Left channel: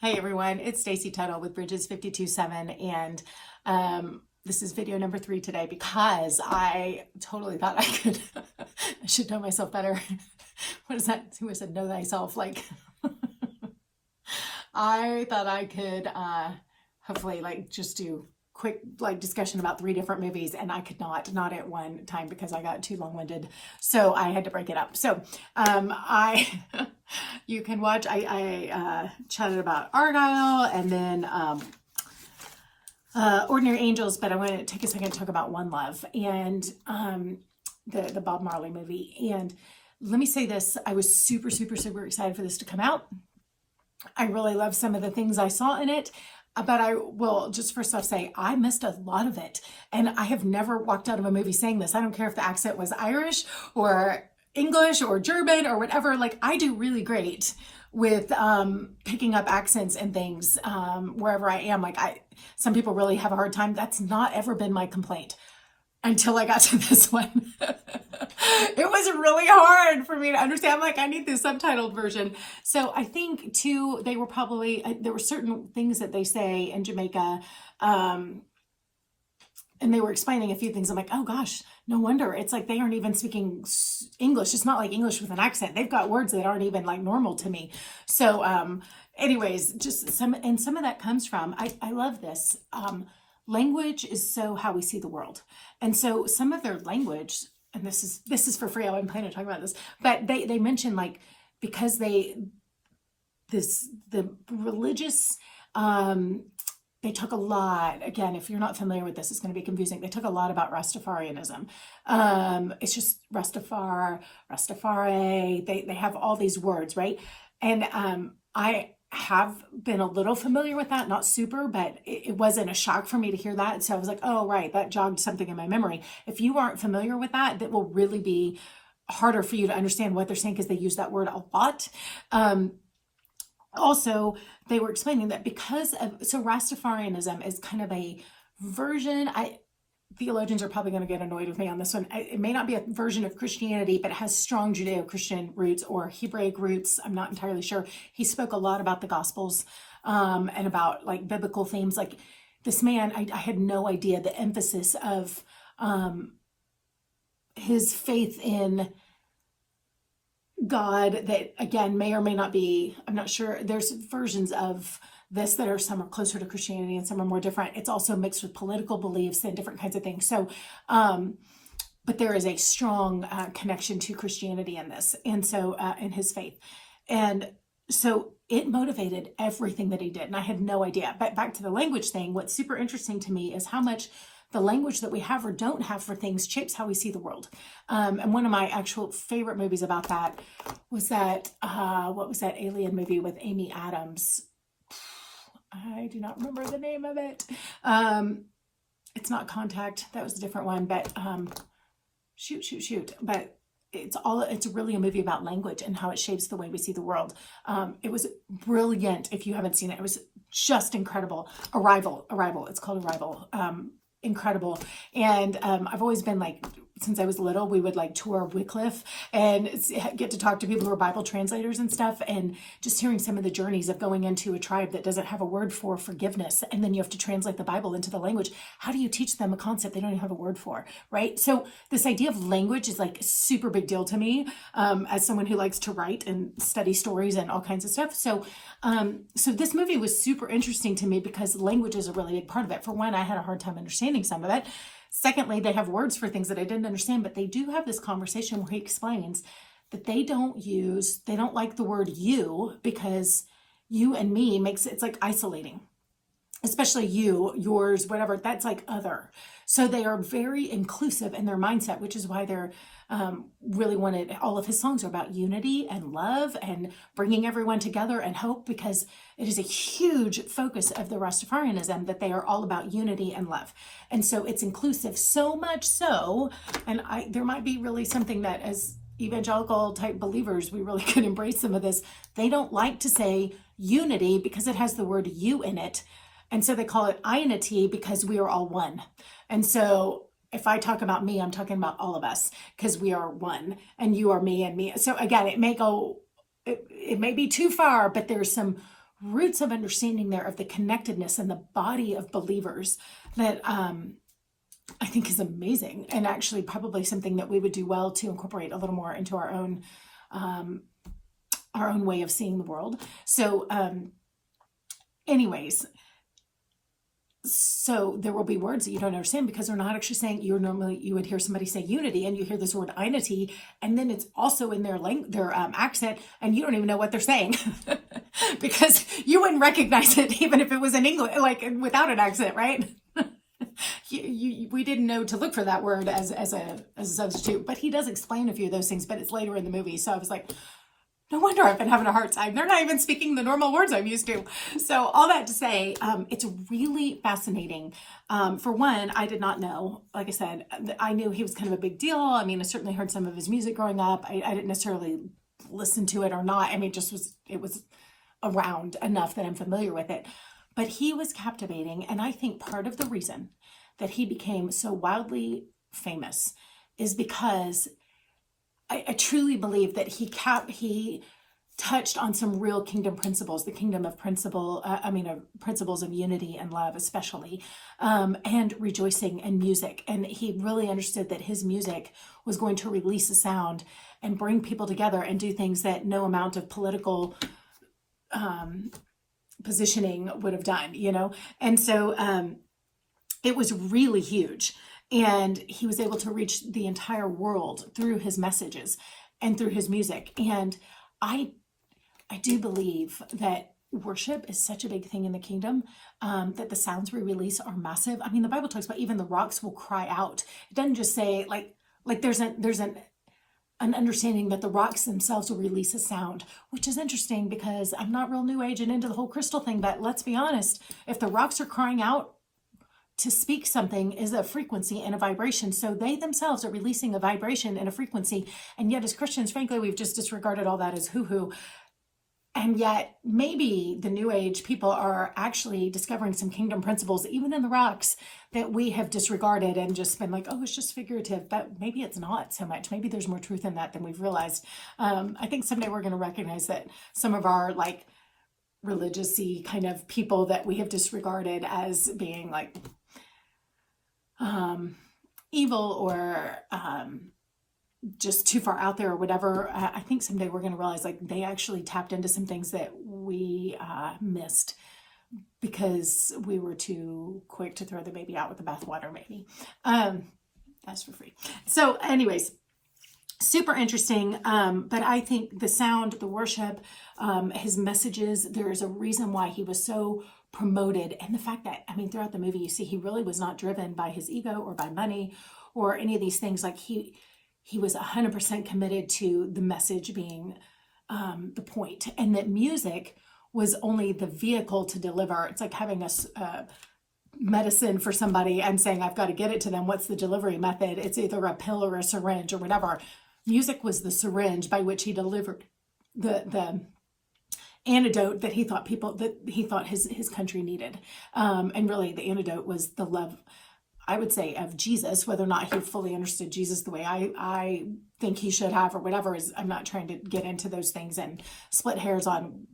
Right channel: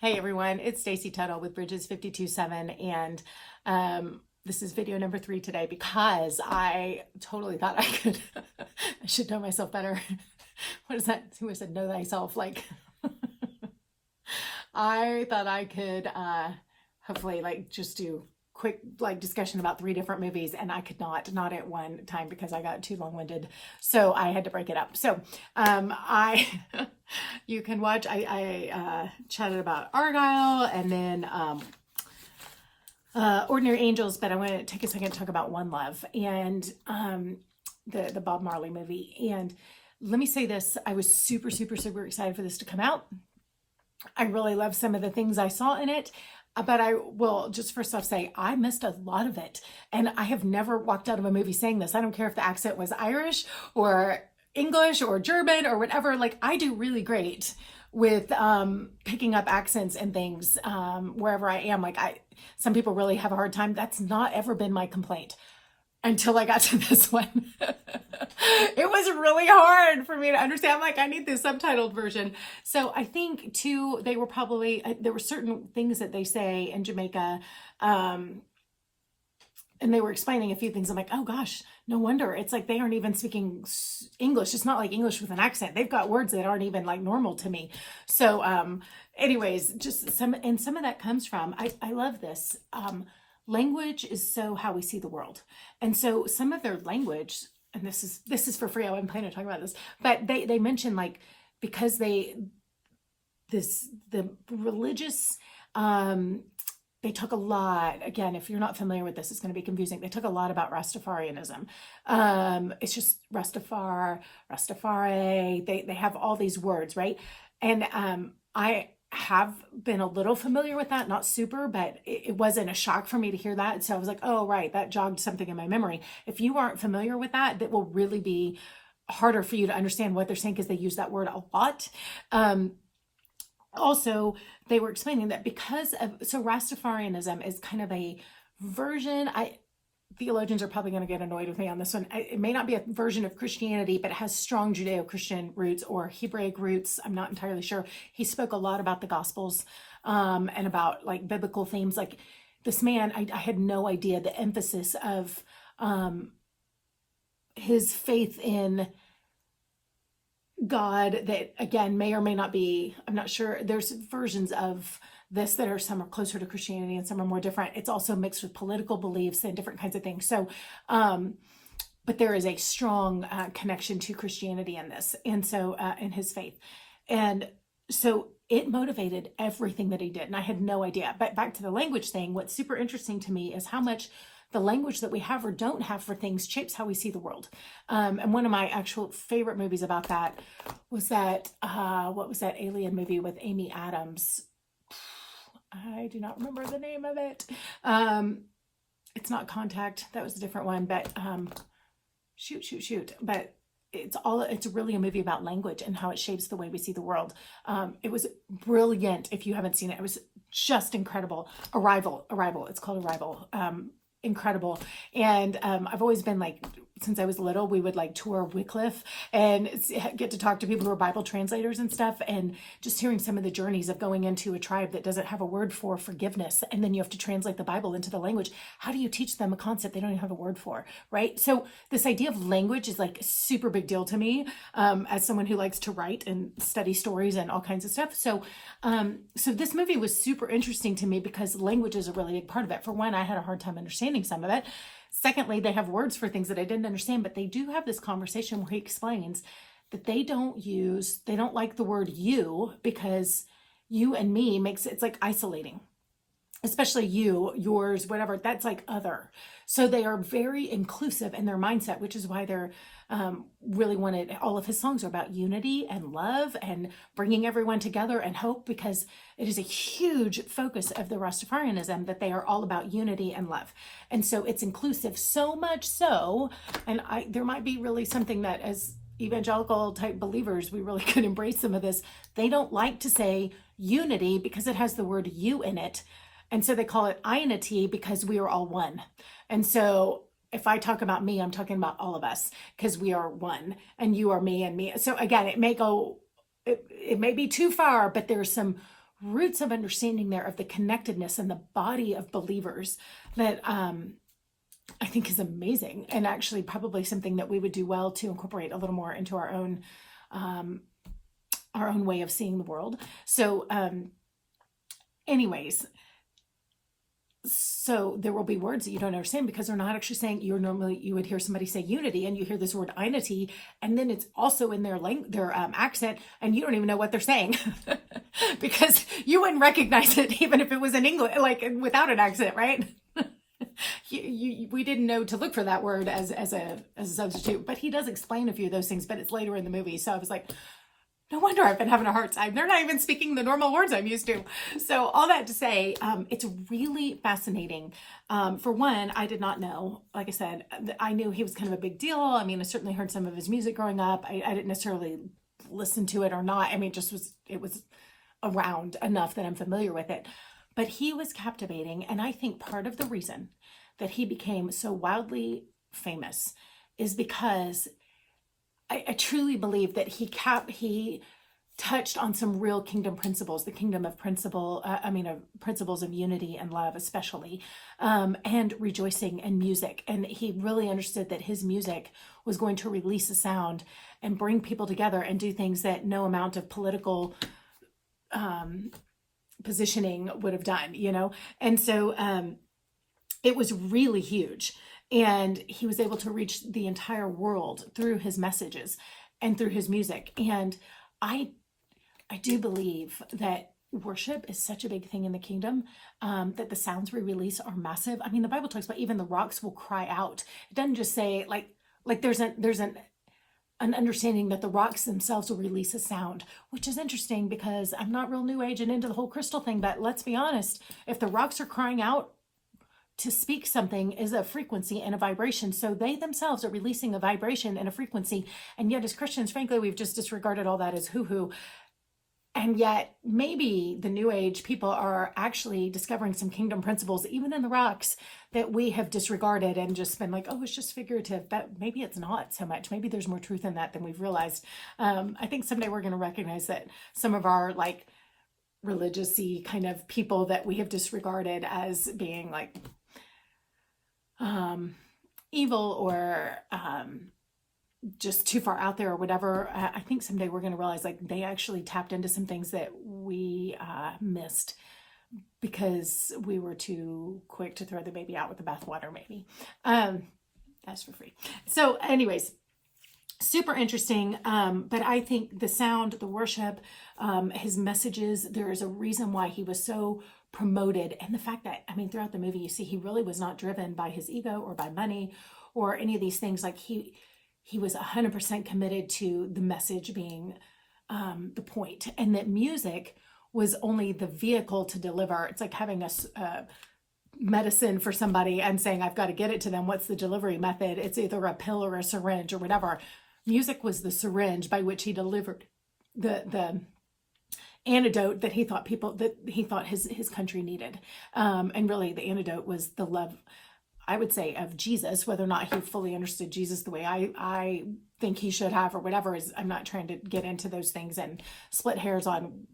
Hey everyone, it's Stacy Tuttle with Bridges 527, and this is video number 3 today because I totally thought I could, I should know myself better. What is that? Who said know thyself? Like, I thought I could hopefully just do quick discussion about 3 different movies, and I could not at one time because I got too long-winded, so I had to break it up. So I you can watch, I chatted about Argyle and then Ordinary Angels, but I want to take a second to talk about One Love and the Bob Marley movie. And let me say this, I was super excited for this to come out. I really love some of the things I saw in it, but I will just first off say I missed a lot of it. And I have never walked out of a movie saying this. I don't care if the accent was Irish or English or German or whatever. Like, I do really great with picking up accents and things wherever I am. Some people really have a hard time. That's not ever been my complaint until I got to this one. It was really hard for me to understand. I'm like, I need the subtitled version. So I think too, they were probably, there were certain things that they say in Jamaica, and they were explaining a few things. I'm like, oh gosh, no wonder. It's like they aren't even speaking English. It's not like English with an accent. They've got words that aren't even like normal to me. So anyways, just some of that comes from, I love this. Language is so how we see the world. And so some of their language, and this is for free, I wasn't planning to talk about this, but they mention because the religious, they talk a lot, again, if you're not familiar with this, it's going to be confusing. They talk a lot about Rastafarianism. It's just Rastafari, they have all these words, right? And I have been a little familiar with that, not super, but it wasn't a shock for me to hear that. So I was like, oh, right, that jogged something in my memory. If you aren't familiar with that, that will really be harder for you to understand what they're saying because they use that word a lot. Also, they were explaining that so Rastafarianism is kind of a version, theologians are probably going to get annoyed with me on this one. It may not be a version of Christianity, but it has strong Judeo-Christian roots or Hebraic roots. I'm not entirely sure. He spoke a lot about the Gospels and about biblical themes. Like this man, I had no idea the emphasis of his faith in God that, again, may or may not be, I'm not sure. There's versions of this that are, some are closer to Christianity and some are more different. It's also mixed with political beliefs and different kinds of things. So, but there is a strong connection to Christianity in this. And so, in his faith. And so it motivated everything that he did. And I had no idea. But back to the language thing, what's super interesting to me is how much the language that we have or don't have for things shapes how we see the world. And one of my actual favorite movies about that was that, what was that alien movie with Amy Adams? I do not remember the name of it. It's not Contact. That was a different one, but shoot. But it's really a movie about language and how it shapes the way we see the world. It was brilliant. If you haven't seen it, it was just incredible. Arrival. It's called Arrival. Incredible. And I've always been since I was little, we would tour Wycliffe and get to talk to people who are Bible translators and stuff, and just hearing some of the journeys of going into a tribe that doesn't have a word for forgiveness, and then you have to translate the Bible into the language. How do you teach them a concept they don't even have a word for, right? So this idea of language is a super big deal to me, as someone who likes to write and study stories and all kinds of stuff. So so this movie was super interesting to me because language is a really big part of it. For one, I had a hard time understanding some of it. Secondly, they have words for things that I didn't understand, but they do have this conversation where he explains that they don't like the word you because you and me it's isolating, especially you, yours, whatever, that's other. So they are very inclusive in their mindset, which is why they're really wanted, all of his songs are about unity and love and bringing everyone together and hope, because it is a huge focus of the Rastafarianism that they are all about unity and love. And so it's inclusive, so much so, and there might be really something that as evangelical type believers, we really could embrace some of this. They don't like to say unity because it has the word you in it. And so they call it unity because we are all one. And so if I talk about me, I'm talking about all of us because we are one, and you are me and me. So again, it may be too far, but there's some roots of understanding there of the connectedness and the body of believers that I think is amazing, and actually probably something that we would do well to incorporate a little more into our own way of seeing the world. So anyways, so there will be words that you don't understand because they're not actually saying, you would hear somebody say unity and you hear this word einity, and then it's also in their accent, and you don't even know what they're saying because you wouldn't recognize it even if it was in English, like without an accent, right? We didn't know to look for that word as a substitute, but he does explain a few of those things, but it's later in the movie. So I was like, no wonder I've been having a hard time. They're not even speaking the normal words I'm used to. So all that to say, it's really fascinating. For one, I did not know, like I said, I knew he was kind of a big deal. I mean, I certainly heard some of his music growing up. I didn't necessarily listen to it or not. I mean, it was around enough that I'm familiar with it. But he was captivating. And I think part of the reason that he became so wildly famous is because I truly believe that he touched on some real kingdom principles, the kingdom of principles of unity and love, especially, and rejoicing and music. And he really understood that his music was going to release a sound and bring people together and do things that no amount of political positioning would have done, And so it was really huge. And he was able to reach the entire world through his messages and through his music. And I do believe that worship is such a big thing in the kingdom, that the sounds we release are massive. I mean, the Bible talks about even the rocks will cry out. It doesn't just say like there's an understanding that the rocks themselves will release a sound, which is interesting because I'm not real new age and into the whole crystal thing, but let's be honest, if the rocks are crying out, to speak something is a frequency and a vibration. So they themselves are releasing a vibration and a frequency. And yet as Christians, frankly, we've just disregarded all that as hoo-hoo. And yet maybe the new age people are actually discovering some kingdom principles, even in the rocks, that we have disregarded and just been like, oh, it's just figurative. But maybe it's not so much. Maybe there's more truth in that than we've realized. I think someday we're going to recognize that some of our like religious-y kind of people that we have disregarded as being like evil or just too far out there or whatever. I think someday we're going to realize like they actually tapped into some things that we missed because we were too quick to throw the baby out with the bathwater, maybe. That's for free. So anyways, super interesting. But I think the sound, the worship, his messages, there's a reason why he was so promoted. And the fact that, I mean, throughout the movie, you see, he really was not driven by his ego or by money or any of these things. Like he was 100% committed to the message being the point, and that music was only the vehicle to deliver. It's like having a medicine for somebody and saying, I've got to get it to them. What's the delivery method? It's either a pill or a syringe or whatever. Music was the syringe by which he delivered the antidote that he thought his country needed. And really the antidote was the love, I would say, of Jesus. Whether or not he fully understood Jesus the way I think he should have or whatever is, I'm not trying to get into those things and split hairs on,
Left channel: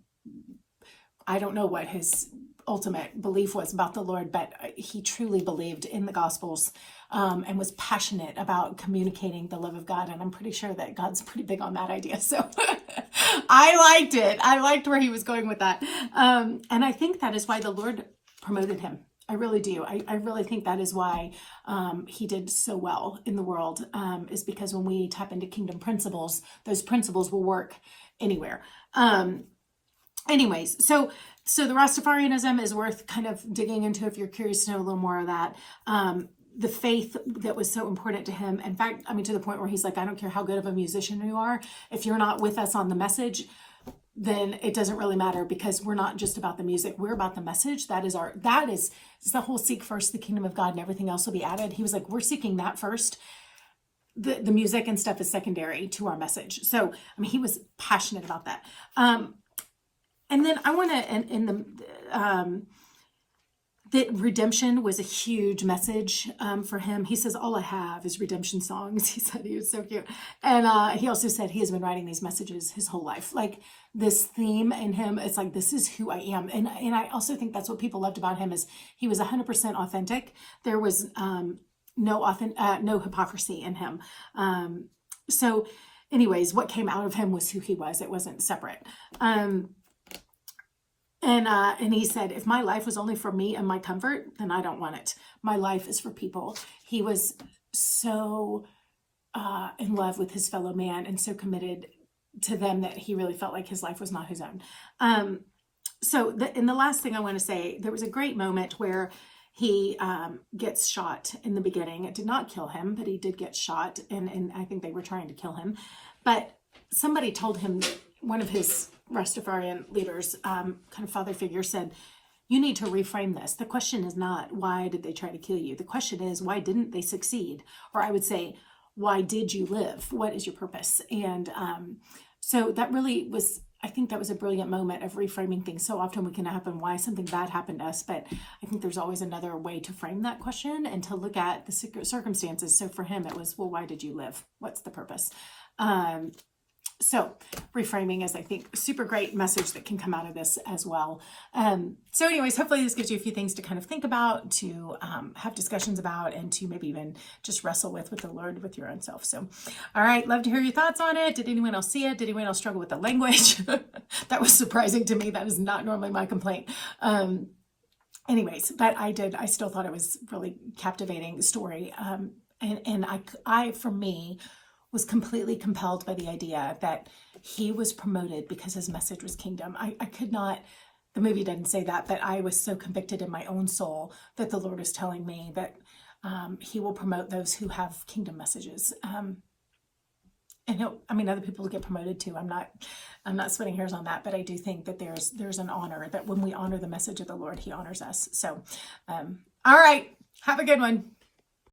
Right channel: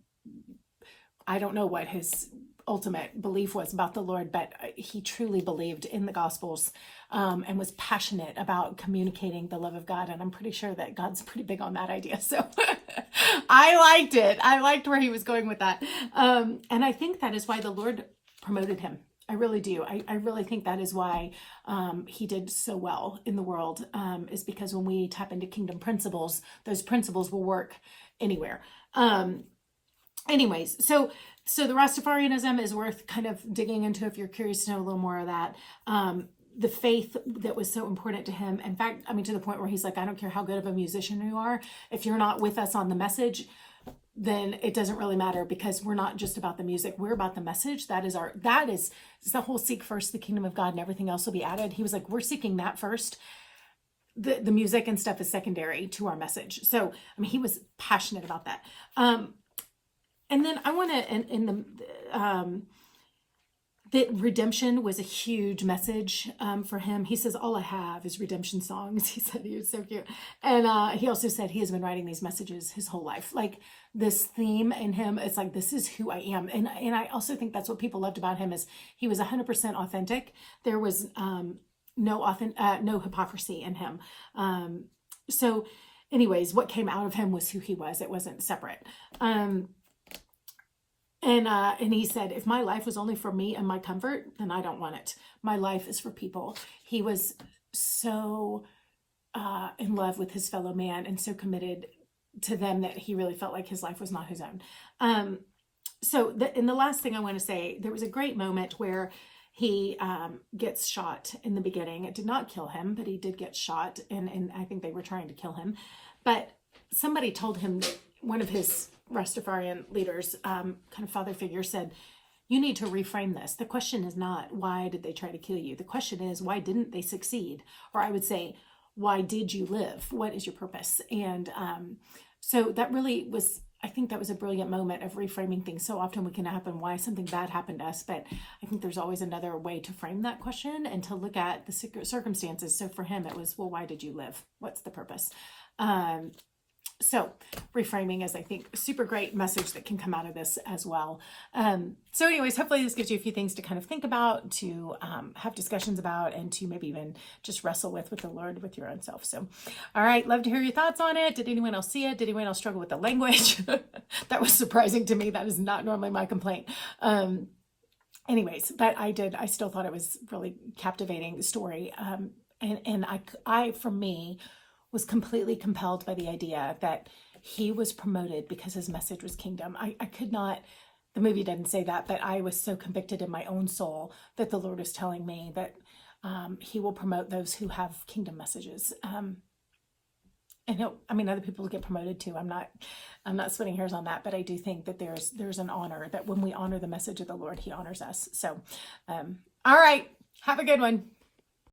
I don't know what his ultimate belief was about the Lord, but he truly believed in the Gospels and was passionate about communicating the love of God. And I'm pretty sure that God's pretty big on that idea. So I liked it. I liked where he was going with that. And I think that is why the Lord promoted him. I really do. I really think that is why he did so well in the world, is because when we tap into kingdom principles, those principles will work anywhere. Anyways, so the Rastafarianism is worth kind of digging into if you're curious to know a little more of that. The faith that was so important to him. In fact, I mean, to the point where he's like, I don't care how good of a musician you are. If you're not with us on the message, then it doesn't really matter, because we're not just about the music. We're about the message. That is the whole seek first the kingdom of God and everything else will be added. He was like, we're seeking that first. The music and stuff is secondary to our message. So, I mean, he was passionate about that. And then I want to, in that redemption was a huge message for him. He says, all I have is redemption songs. He said, he was so cute. And he also said he has been writing these messages his whole life. Like this theme in him, it's like, this is who I am. And I also think that's what people loved about him is he was 100% authentic. There was no hypocrisy in him. So anyways, what came out of him was who he was. It wasn't separate. And he said, if my life was only for me and my comfort, then I don't want it. My life is for people. He was so in love with his fellow man and so committed to them that he really felt like his life was not his own. And the last thing I want to say, there was a great moment where he gets shot in the beginning. It did not kill him, but he did get shot. And I think they were trying to kill him. But somebody told him, one of his Rastafarian leaders, kind of father figure, said, you need to reframe this. The question is not, why did they try to kill you? The question is, why didn't they succeed? Or I would say, why did you live? What is your purpose? And so that really was, I think that was a brilliant moment of reframing things. So often we can happen why something bad happened to us, but I think there's always another way to frame that question and to look at the circumstances. So for him, it was, well, why did you live? What's the purpose? So reframing is, I think, a super great message that can come out of this as well. So anyways, hopefully this gives you a few things to kind of think about, to have discussions about, and to maybe even just wrestle with the Lord, with your own self. So, all right, love to hear your thoughts on it. Did anyone else see it? Did anyone else struggle with the language? That was surprising to me. That is not normally my complaint. Anyways, but I still thought it was really captivating story. And I, for me, was completely compelled by the idea that he was promoted because his message was kingdom. I could not, the movie doesn't say that, but I was so convicted in my own soul that the Lord is telling me that he will promote those who have kingdom messages. And other people get promoted too. I'm not splitting hairs on that, but I do think that there's an honor that when we honor the message of the Lord, he honors us. So, all right, have a good one.